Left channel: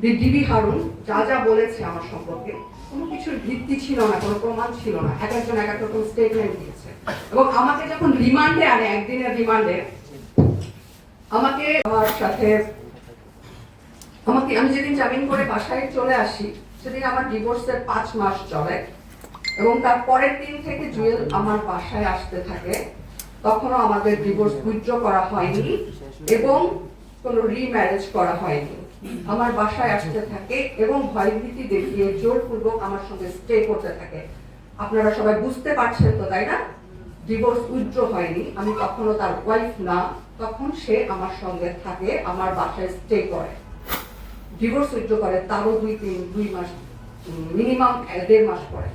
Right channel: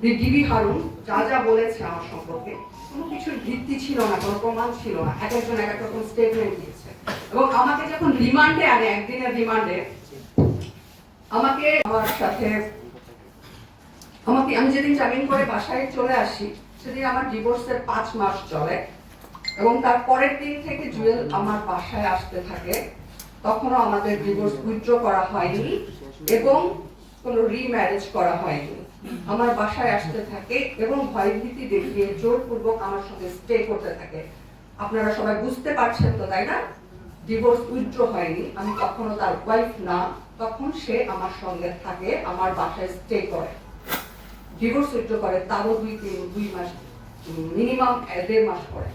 DB Harun যা যা বলেছে আমার সম্পর্কে, কোনো কিছুর ভিত্তি ছিল না, কোনো প্রমাণ ছিল না। এক একজন, এক এক রকম স্টেটমেন্ট দিয়েছে। এবং আমাকে যখন রিমান্ডে আনে, একদিনের রিমান্ডে, আমাকে আমার সাথে, আমাকে, আমি যেদিন জামিন করে বাসায় চলে আসি, সেদিন আমার ডিভোর্সের পাঁচ মাস চলে। এবং তার পরের দিন থেকে জুয়েল আমার বাসায় আসতে থাকে। তখনও আমাদের ডিভোর্স উইথড্র করা হয়নি। এবং কোনো রিম্যারেজ করা হয়নি। আমার বাসায় আসতে থাকে এবং ভয়ভীতি দেখিয়ে জোরপূর্বক আমার সঙ্গে স্টে করতে থাকে। আপনারা সবাই বুঝতে পারছেন তো, তাই না? ডিভোর্স উইথড্র হয়নি। আমি কখনো তার ওয়াইফ না, তখন সে আমার সঙ্গে থাকে, আমার বাসায় স্টে করে। ডিভোর্স উইথড্র করে তারও দুই তিন, দুই মাস মিনিমাম দেড় মাস পরে।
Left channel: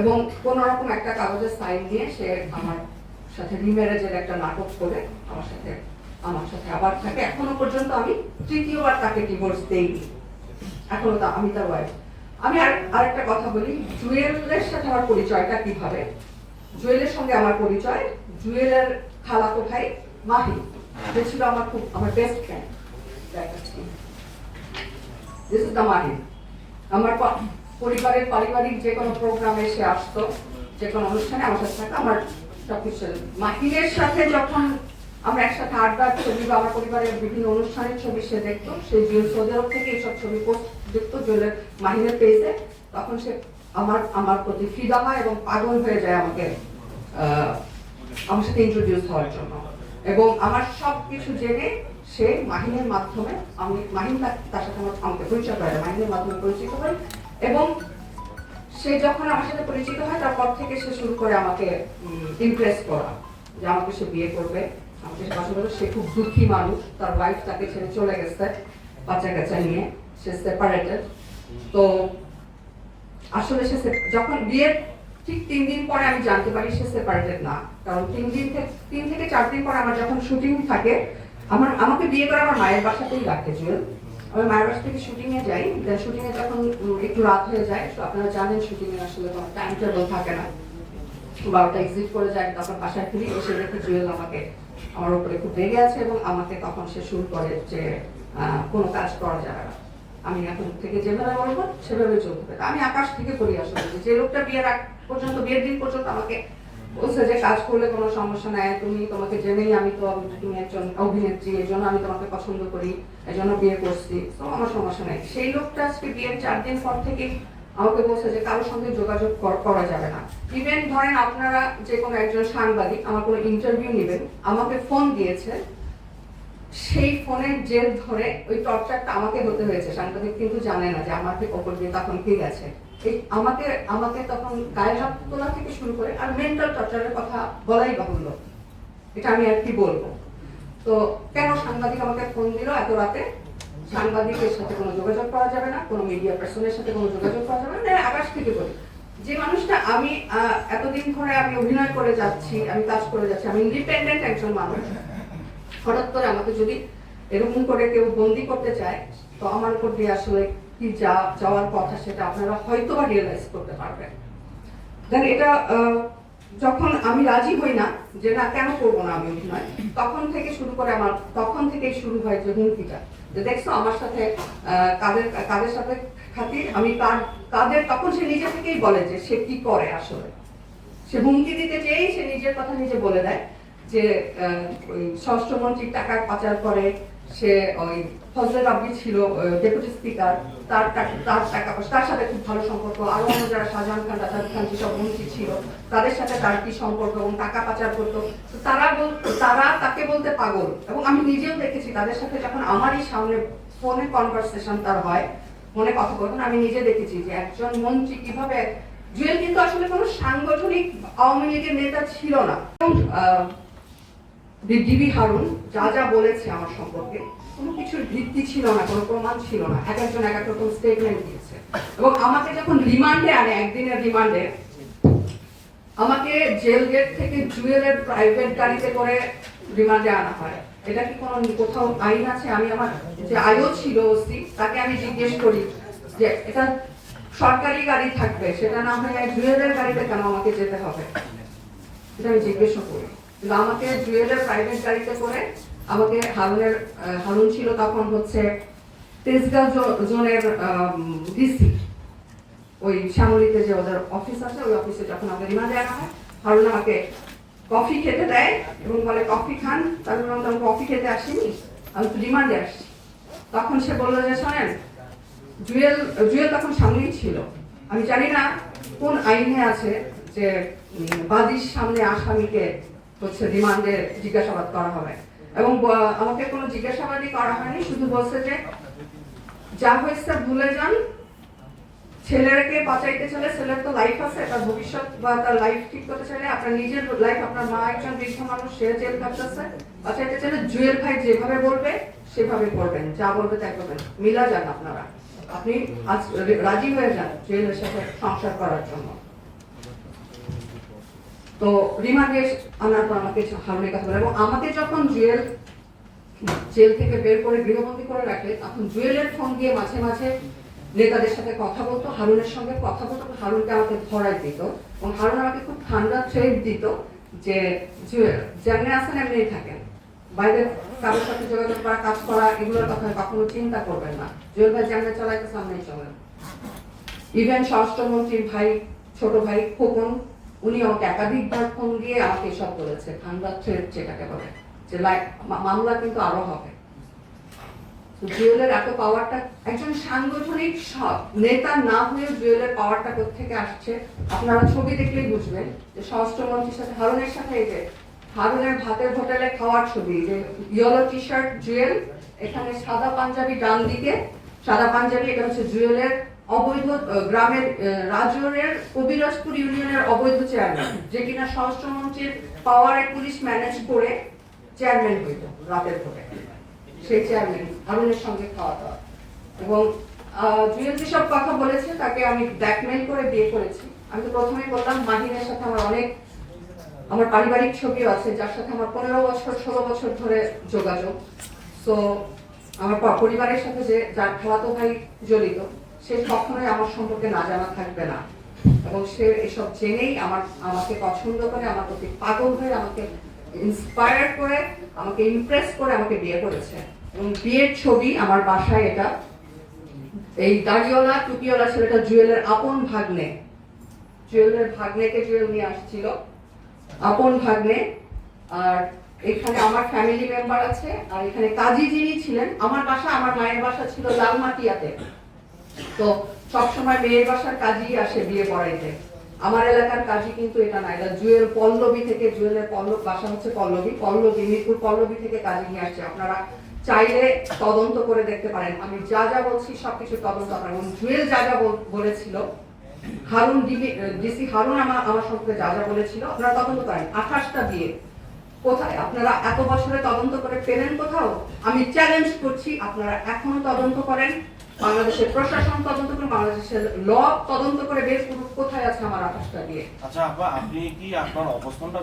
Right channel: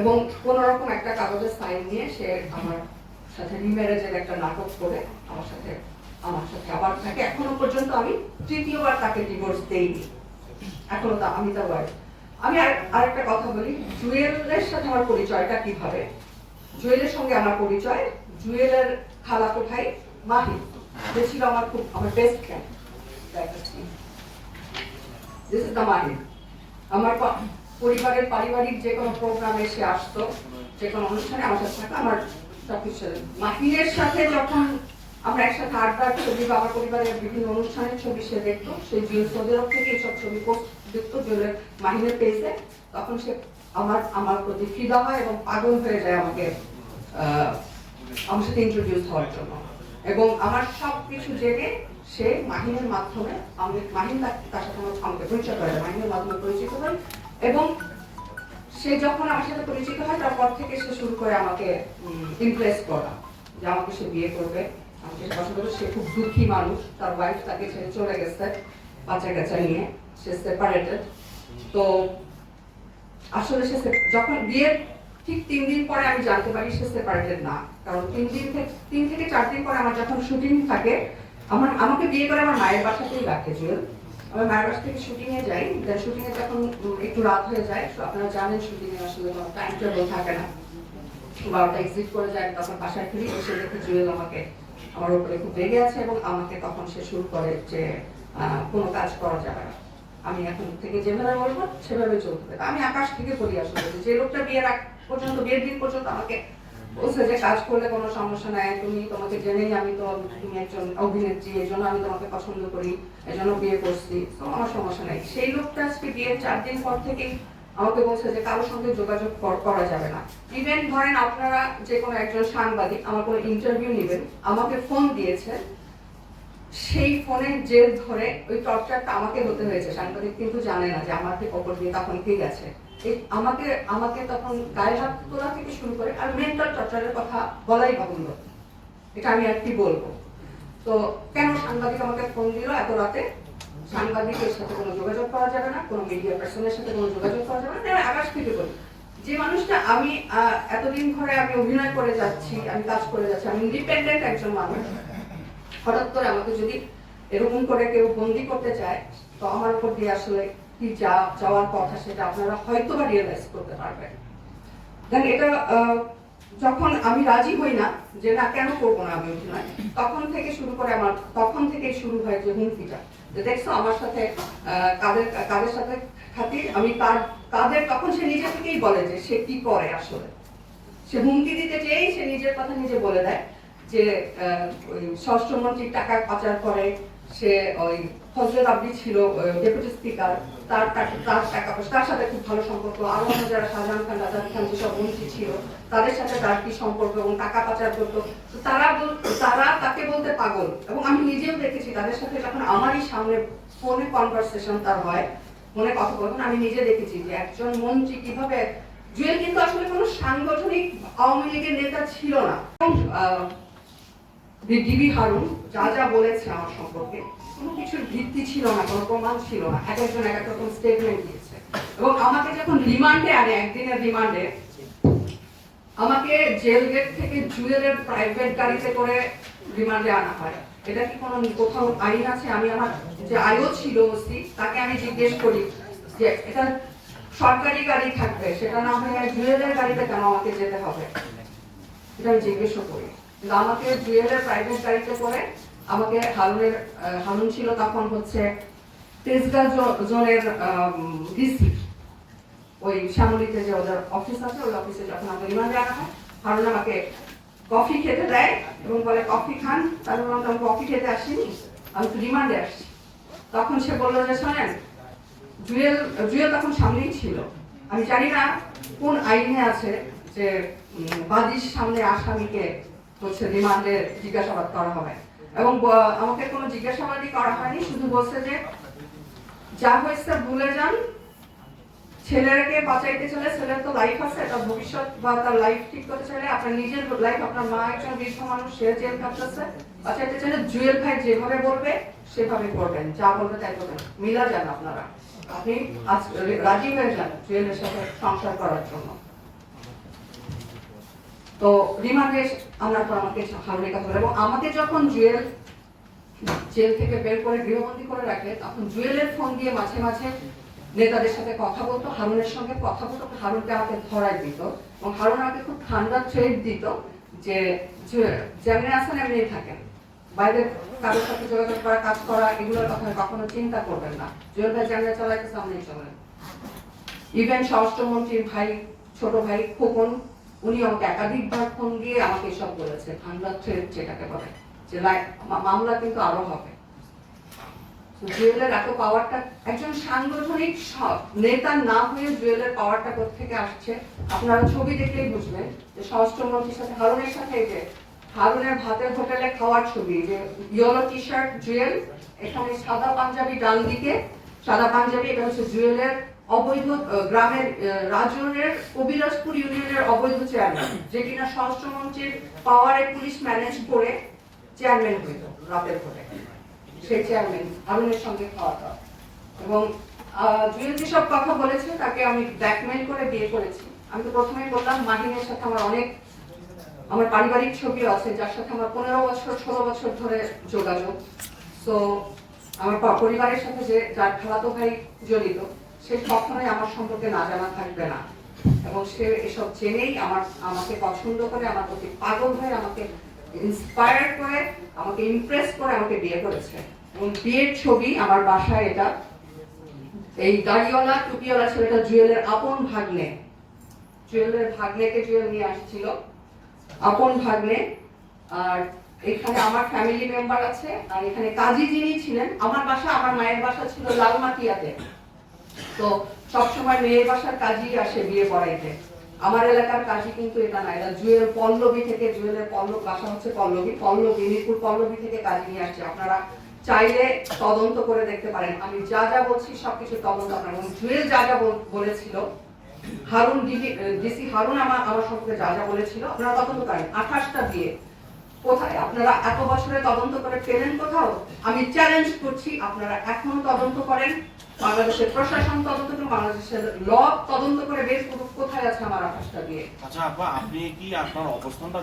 এবং কোন রকম একটা কাগজের সাইন নিয়ে সে আমার সাথে রিম্যারেজের একটা নাটক করে, আমার সাথে আমার সাথে আবার থাকে। এখনও পর্যন্ত আমি তৃতীয়বার তাকে ডিভোর্স দেইনি। এখনও তা আমি তার ওয়াইফ আমি আর আরেকটা কথা বলি, জুয়েলের সাথে আমার পরিচয়টা কীভাবে? জুয়েলের সঙ্গে আমার পরিচয়, জুয়েলের খালাতো ভাই মাহি যে ছিল আমার খুব আমার best friend this is the Mahi আমার পরিবারের পারিবারিক যে কোনো প্রোগ্রামে সে আসতো, যে কোনো অনুষ্ঠানে আমার সাথে আমার সবকিছু ছিল। মাহিরের সাথে যখন আমরা একসাথে আড্ডার ছবি বা আমার পরিবারের বিভিন্ন অনুষ্ঠানের ছবি সে দেখতো। সে সৌদি থেকে এইসব ছবি পোস্ট দেখতো জুয়েলের মাহিরের পেজে তখন সে আমার আমার প্রতি ফিদা হয় এবং পাগল হয়ে যায় আমাকে আমার সাথে ইন্ট্রোডিউস হওয়ার জন্য। এবং আমার সব কিছু জেনে সে মাহিনের মাধ্যমে আমি মাহিন তার সাথে আমার আমাকে পরিচয় করে। মাহিনের মাধ্যমে পরিচিত হই। এবং সে যখন আমার সাথে পরিচিত হয়, তারপর থেকে সে শুরু করে আমাকে ইমপ্রেস করা যে আমাকে সে বিয়ে করবে। সে খুব দুঃখী মানুষ, তার ওয়াইফ তাকে ছেড়ে চলে গেছে, বাচ্চা কাচ্চা নিয়ে। সে সেপারেটেড তো আসলে সে যখন বিয়ের ঠিক তিন দিন পরে আমি জানতে পারি সে সেপারেটেড না। কারণ তিন দিন থেকে তিন থেকে চার দিন পরে আমার যখন শুটিং থাকে, আমার আমাকে বিয়ে করে আমার মায়ের বাসাতেই রাখে জুয়েল। আমি মায়ের বাসা থেকে শুটিং এ যাই শুটিং এ যখন একটু রাত হয়ে যায়, তো আপনারা জানেন শুটিং এ আসলে কোনো টাইম টেবল থাকে না। বারোটা এক্সিট করে যায়, তখন বাসায় ফিরি, এসে দেখি জুয়েল আমাকে আমার উপরে খুব রেগে আছে এবং আমাকে তখন সে শুরু করে যে কোনো কাজ করা যাবে না। আমি এখন থেকে যেভাবে বলব, সেভাবে চলতে আমি আকাশ থেকে বলি আসলে যে লোকটা বিয়ের আগ পর্যন্ত, বিয়ের দিন পর্যন্ত আমাকে বলছে যে, কাজ করলে কোনো সমস্যা নাই, তুমি তোমাকে জেনেই আমি তো, তুমি একজন অভিনেত্রী, এই জন্য আমি তোমাকে পছন্দ করি, এই জন্য বিয়ে করছি। তো আমার সমস্যা নাই। সেই লোকটা আজকে বিয়ের চার দিন পর থেকেই আমাকে বলছে যে কারোর সঙ্গে যোগাযোগ কর- যাবে না। ইভেন ধরেন আপনারা যে কোনো একজন সাংবাদিক আমার কোনো ইন্টারভিউ নেবেন, আমাকে ফোন দিয়েছে, সেই ফোনের জেল ধরে ওই টর্চারটা আমাকে হতে হয়েছে। সাংবাদিক কিন্তু জানে না যে আমাকে কখন দিয়ে তখন কে গেছে এই আমাকে আমাকে তখন গায়ে হাত তোলা থেকে শুরু করে আর মেন্টাল টর্চারের কথা বলাই বাহুল্য। এটা আমি আর কি বলব? তো কেন সাংবাদিক আমাকে ফোন দিল এত রাতে? সাংবাদিকের সাথে কোনো যোগাযোগ করা যাবে না, কোনো মিডিয়া পার্সনের সাথে কোনো যোগাযোগ করা যাবে না আকাশ থেকে বলি। যে মানুষটা আমি এতদিন ধরে আমি অভিনয় করে যাচ্ছি, আমি কাজ করে যাচ্ছি, আমি ইন্ডিপেন্ডেন্ট একজন মানুষ। হঠাৎ করে আমাকে যদি এরকম করে কেউ বন্দি করতে চায়, তো আমার উপর দিয়ে আসলে কি যা, যাওয়ার কথা সেটা আপনারা হয়তো বা রিয়েলাইজ করতে পারবেন। দেন এটা যখন আমি রাজি হই না যে না, কেন করব না আমি অভিনয়? তখন থেকে শুরু করে আমার, তখন থেকেই শুরু হয় যে হুমকিটা। যে দেখছ, আমার সাথে কাদের কাদের সাথে খাতির আমি কার, কাদের, তখন সে নিজে থেকেই বলে যে সে কি করে আসলে। সে হুমকি দিতে চেয়েই সে নিজের কথা নিজে বলে দেয় যে স্বরাষ্ট্রমন্ত্রীর টাকা পাচার করে সে ওই ফজল আব্দি ছিল ডেপুটি স্পিকার। তার তার টাকা তার সাথে খুব ভালো সম্পর্ক। আরও অন্য যারা শাহজাহান খান রাজাদ খান যেসব মন্ত্রী ছিল তাদের সাথে তার কি সম্পর্ক এবং টাকা পাচার করতো। তারা তারা তাকে বলতে পাগল। এবং আমি নিজেও দেখেছি তাদের সাথে যখন আমারই সামনে ফোনে কনভারসেশন তার হয় মনে কথা বলবেন আমি নিজে দেখেছি যে একজন মন্ত্রী কীভাবে জুয়েল কিন্তু আসলে কোনো সাংগঠনিক আওয়ামী লীগের নেতা ছিল না। এবং, ডিবি হারুন যা যা বলেছে আমার সম্পর্কে, কোনো কিছুর ভিত্তি ছিল না, কোনো প্রমাণ ছিল না। এক একজন এক এক রকম স্টেটমেন্ট দিয়েছে। এবং আমাকে যখন রিমান্ডে আনে, একদিনের রিমান্ডে, আমাকে জেল গেট থেকে জুয়েলের প্রাইভেট গাড়িতে করে রিমান্ডে আনা হয়। এটা কি কোনো কোথাও আইন আছে? আমি আমার যে আয়ও ছিল ওসি, তাকে আমি জিজ্ঞেস করি যে, এটা সরকারি গাড়ি থাকবে, সেটা না হলে জুয়েলের গাড়িতে কেন আমাকে যেতে হবে? এটা আমি জিজ্ঞেসও করি। কিন্তু আমাকে জুয়েলের প্রাইভেট গাড়িতে করে আমাকে হারুনের হারুন ছিল তখন হচ্ছে তেজগাঁ জোনের ডিসি ওই শ্যামলিতে যে ওদের অফিস আছে, ওই অফিসে যখন আমাকে রিমান্ডে আনা হয়, হারুন আমাকে কফি খেতে দেয় এবং বলে কফি খান? তারপর আমি কফি খেতে আসিনি, আমি তো রিমান্ডে আসছি। তখন সে বলল যে, শোনেন, জুয়েল জুয়েল তখন সামনেই ছিল। আমি জানি না কোন আইনে আছে যে বাদীর সামনে আসামিকে হচ্ছে রিমান্ডে জিজ্ঞাসাবাদ করা হবে। এবং আমাকে কোনো জিজ্ঞাসাবাদই করা হয়নি, শুধু বলছে যে, যা হয়েছে ভুলে যান। ছেলেকে বাঁচাইতে চলে, ছেলের তো লাইফ আছে, তার ভবিষ্যৎ বা তার লাইফ ঠিক করতে চাইলে আপনার নিজের লাইফ আপনার মা একজন বৃদ্ধ মানুষ, সে জেল কাটতেছে বাঁচাইতে চাইলে জুয়েল ভাই যেভাবে বলবে, সেভাবে করবেন, যা বলবে তাই করবেন। মিলা যান আপনারা। আপনি রাজি হয়ে যান জুয়েলের সাথে সংসার করার জন্য। তো রিমান্ডে আনার পর আমাকে হারুনের কথা বলে। এবং আমাকে যখন জুয়েল, জেল থেকে বের করে গৃহবন্দী করে রাখলে তখন জুয়েলের ফোন দিয়ে মাঝে মাঝে নেতাদের সাথে কথা বলতো, হারুনের সঙ্গে কথা বলতো হারুনকে আমাকে ধরাই দিত। এবং হারুন আমাকে খুব ঠান্ডা থ্রেড দিত যে যেমনি আছেন এমনি থাকেন। বাইরে কারোর সাথে যোগাযোগ করা, কাজ করা, এগুলোর কথা কখনো চিন্তা করবেন না। জুয়েল ভাই যেমনি চালাইতে সামনেই চলেন। ইভেন স্বরাষ্ট্রমন্ত্রীর ভাই, ছোট ভাই খোকন উনি আমাকে একাধিকবার ফোন দিয়ে আমাকে এসব বলেছে ঠান্ডা থ্রেড যেটাকে বলে, যে মামলা কিন্তু আরও হবে। জুয়েলের এত পাওয়ারটা একজন সাংগঠনিক সব নেতা না হয়ে জুয়েলের পাওয়ারটা থেকে আসছে, আপনারা ছবি দেখলেই বুঝবেন যে স্বরাষ্ট্রমন্ত্রীর সাথে, হারুনের সাথে যে হারুনের ভাতের হোটেলে খাওয়ার ছবি, যে ইয়েলো টি শার্ট জুয়েল, এখানে সাদা পাঞ্জাবি ডান দিকে, সাদা পাঞ্জাবি, এটা হচ্ছে জুয়েলের অবৈধ গ্রামের আহ, রাজৌরের কবিরাজপুর ইউনিয়নের অবৈধ চেয়ারম্যান যে কিনা স্বরাষ্ট্রমন্ত্রীর পাওয়ারে পুলিশ ম্যানেজ করে চেয়ারম্যান হইত রাতের ভোটে। সেই চেয়ারম্যান হারুনের সঙ্গে খাওয়া দাওয়া। এবং জুয়েল যেসব কথা বলেছে তাকে আমি ব্ল্যাকমেইল করে বিয়ে করেছি। আমি তো প্রথমেই বললাম মাহিনের সাথে আমার অনেক আমার পারিবারিক ছবি আছে যার সাথে আমার পনেরো বছর ষোলো বছর ধরে যোগাযোগ। তো আমার পরিবারের সাথে যে যার খালাতো ভাই জড়িত সে কখনোই আমার সম্পর্কে না জানা থাকবে না। এবং সে এসব জেনেই আমার, আমাকে পছন্দ করে, আমার প্রতি পাগল হয়ে আমাকে ইন্সপায়ার করে, আমাকে ইমপ্রেস করে, আমাকে বিয়ে করেছে। এবং বিয়ের ছবি আমার বাসায় এটা, এই দাড়িওয়ালা, টুপিওয়ালা ছেলেটা জুয়েলের আপন ভাগ্নে। জুয়েলের ভাগ্নেকে জুয়েল নিয়ে আসছিল, আপন ভাগ্নে। আর এখানে আমার ফ্যামিলি মেম্বার আছে, আর এখানে কাজী যিনি ছিলেন, আমার বাসা, আমার মায়ের বাসা ছিল লালমাটিয়াতে। তো সবসময় মেয়ের বাসার কাজই আসে বিয়ে পড়াইতে। আমার এলাকার কাজী কিন্তু এটা না, এটা জুয়েল পল্লবী থেকে, জুয়েলের পল্লব, বাসা হচ্ছে পল্লবী পল্লবী, মিরপুর পল্লবী থেকে কাজী নিয়ে আসছে। আপনারা চাইলে তদন্ত করে দেখতে পারেন। আমি যা যা বলছি সবকিছু তদন্ত এবং জুয়েল যা যা বলেছিল, হারুন ডিসি হারুন আমার আমার সম্পর্কে যা যা বলেছিল, আপনারা তদন্ত করেন। আঠাশটা বিয়ে। কোথায়? আপনারা এত বছরে তদন্ত করে পেলেন কোথাও? আমি চ্যালেঞ্জ করছি, আপনারা এখন তদন্ত করেন। বাংলাদেশের প্রশাসন তদন্ত করে, বাংলাদেশের ল তদন্ত করে বেশ কোথায় আছে আমার আকাশটা দিয়ে আচ্ছা আপা, আপনি কি আপনার অবস্থানটা?